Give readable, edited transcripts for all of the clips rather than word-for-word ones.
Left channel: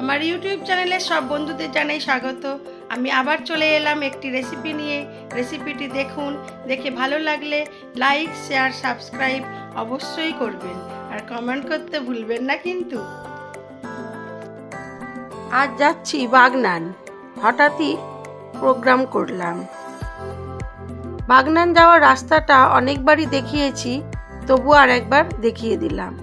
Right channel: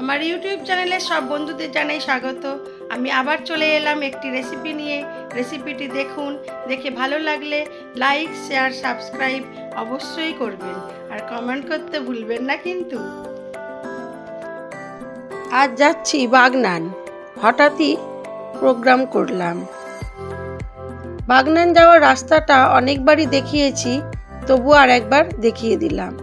আমার ইউটিউব চ্যানেলে সব বন্ধুদের জানাই স্বাগত। আমি আবার চলে এলাম একটি রেসিপি নিয়ে। রেসিপিটি দেখুন, দেখে ভালো লাগলে লাইক, শেয়ার, সাবস্ক্রাইব অবশ্যই করবেন আর কমেন্ট করতে ভুলবেন না কিন্তু। আজ যাচ্ছি বাগনান, হঠাৎই প্রোগ্রাম করলাম। বাগনান যাওয়ার রাস্তাটা অনেকবারই দেখিয়েছি, তবু আর একবার দেখিয়ে দিলাম।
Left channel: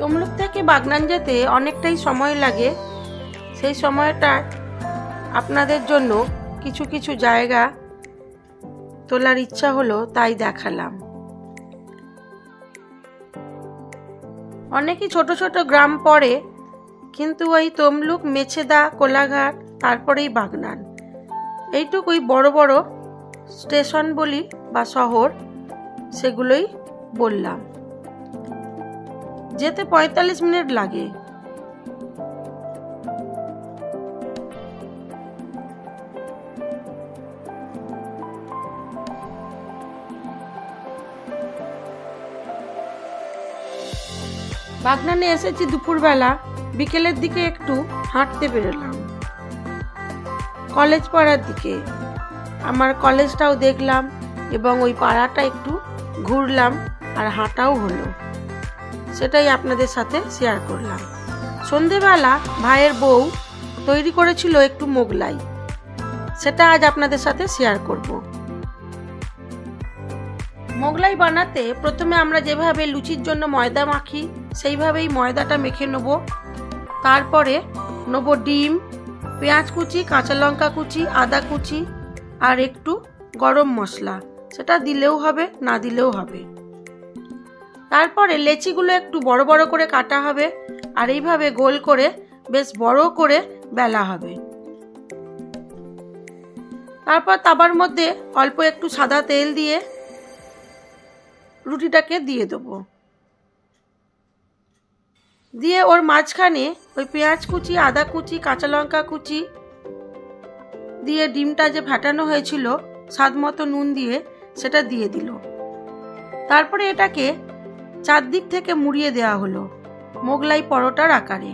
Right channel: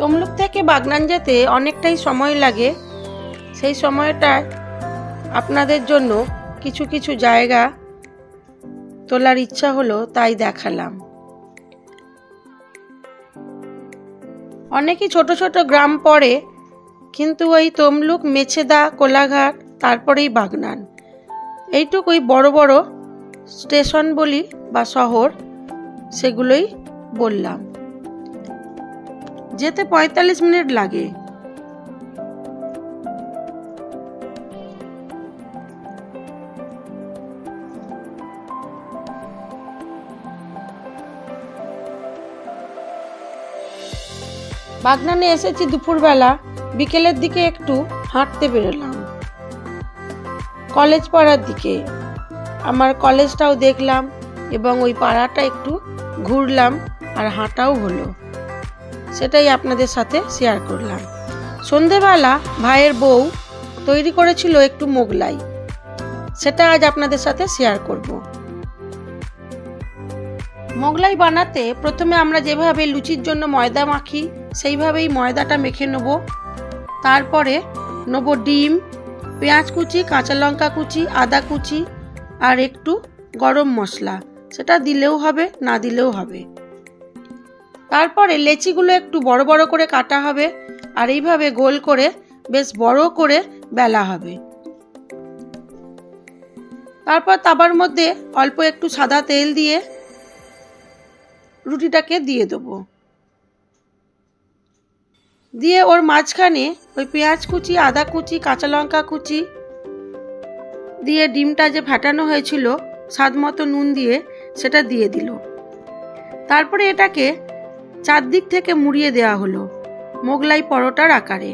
তমলুক থেকে বাগনান যেতে অনেকটাই সময় লাগে। সেই সময়টা আপনাদের জন্য কিছু কিছু জায়গা তোলার ইচ্ছা হলো, তাই দেখালাম। অনেকই ছোট ছোট গ্রাম পড়ে, কিন্তু ওই তমলুক, মেছেদা, কোলাঘাট, তারপরেই বাগনান, এইটুকুই বড় বড় স্টেশন বলি বা শহর, সেগুলোই বললাম। যেতে 45 মিনিট লাগে। বাগনানে এসেছি দুপুরবেলা, বিকেলের দিকে একটু হাঁটতে বেরোলাম কলেজ পাড়ার দিকে। আমার কলেজটাও দেখলাম এবং ওই পাড়াটা একটু ঘুরলাম আর হাঁটাও হলো, সেটাই আপনাদের সাথে শেয়ার করলাম। সন্ধেবেলা ভাইয়ের বউ তৈরি করেছিল একটু মোগলাই, সেটা আজ আপনাদের সাথে শেয়ার করব। মোগলাই বানাতে প্রথমে আমরা যেভাবে লুচির জন্য ময়দা মাখি, সেইভাবেই ময়দাটা মেখে নেব। তারপরে নেব ডিম, পেঁয়াজ কুচি, কাঁচা লঙ্কা কুচি, আদা কুচি আর একটু গরম মশলা, সেটা দিলেও হবে, না দিলেও হবে। তারপরে লেচিগুলো একটু বড় বড় করে কাটা হবে আর এইভাবে গোল করে বেশ বড় করে বেলা হবে। তারপর তাবার মধ্যে অল্প একটু সাদা তেল দিয়ে রুটিটাকে দিয়ে দেবো, দিয়ে ওর মাঝখানে ওই পেঁয়াজ কুচি, আদা কুচি, কাঁচা লঙ্কা কুচি দিয়ে ডিমটা যে ফাটানো হয়েছিল স্বাদ মতো নুন দিয়ে সেটা দিয়ে দিল। তারপরে এটাকে চারদিক থেকে মুড়িয়ে দেওয়া হলো মোগলাই পরোটার আকারে।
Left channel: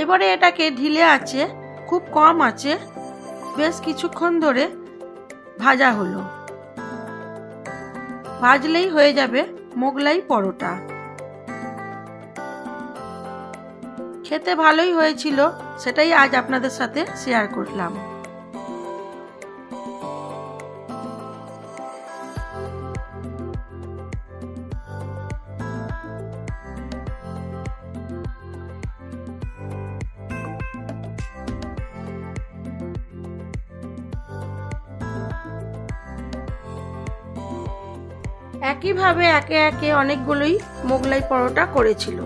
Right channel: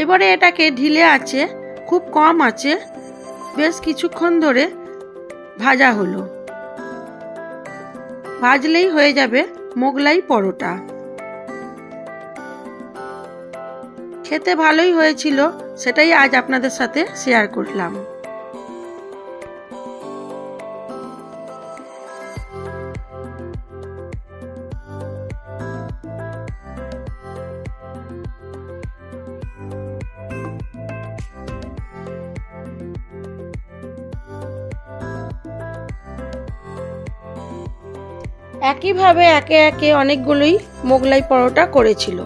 এবারে এটাকে ঢিলে আঁচে, খুব কম আঁচে বেশ কিছুক্ষণ ধরে ভাজা হলো। ভাজলেই হয়ে যাবে মোগলাই পরোটা। খেতে ভালোই হয়েছিল, সেটাই আজ আপনাদের সাথে শেয়ার করলাম। একইভাবে একে একে অনেকগুলোই মোগলাই পরোটা করেছিল।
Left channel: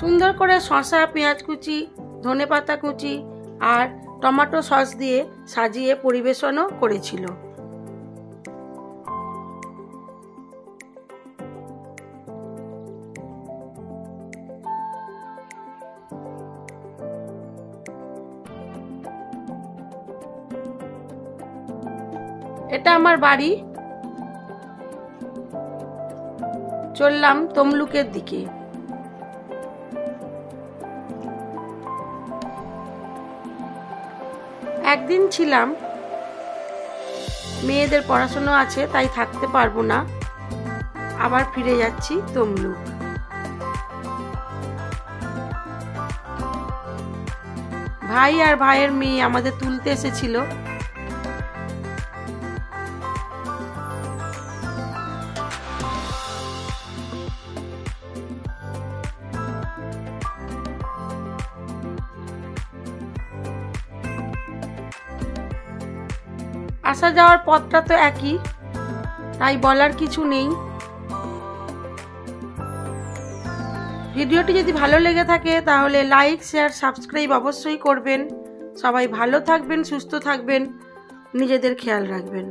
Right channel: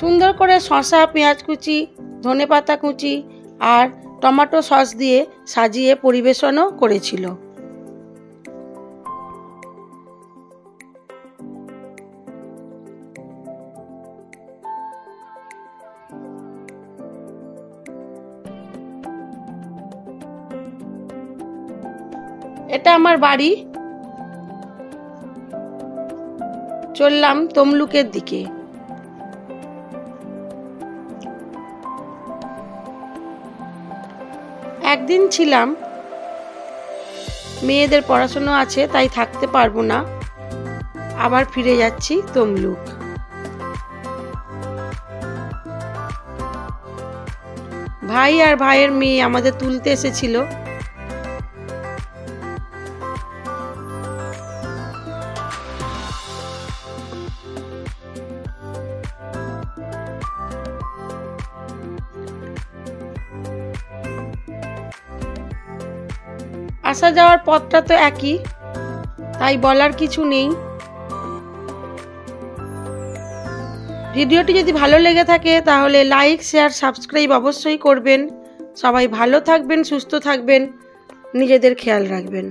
সুন্দর করে শসা, পেঁয়াজ কুচি, ধনেপাতা কুচি আর টমেটো সস দিয়ে সাজিয়ে পরিবেশনও করেছিল। এটা আমার বাড়ি। চললাম তমলুকের দিকে। একদিন ছিলাম, মেয়েদের পড়াশোনা আছে তাই থাকতে পারবো না, আবার ফিরে যাচ্ছি তমলুক। ভাই আর ভাইয়ের মেয়ে আমাদের তুলতে এসেছিল। আসা যাওয়ার পথটা তো একই, তাই বলার কিছু নেই। ভিডিওটি যদি ভালো লেগে থাকে তাহলে লাইক, শেয়ার, সাবস্ক্রাইব অবশ্যই করবেন। সবাই ভালো থাকবেন, সুস্থ থাকবেন, নিজেদের খেয়াল রাখবেন।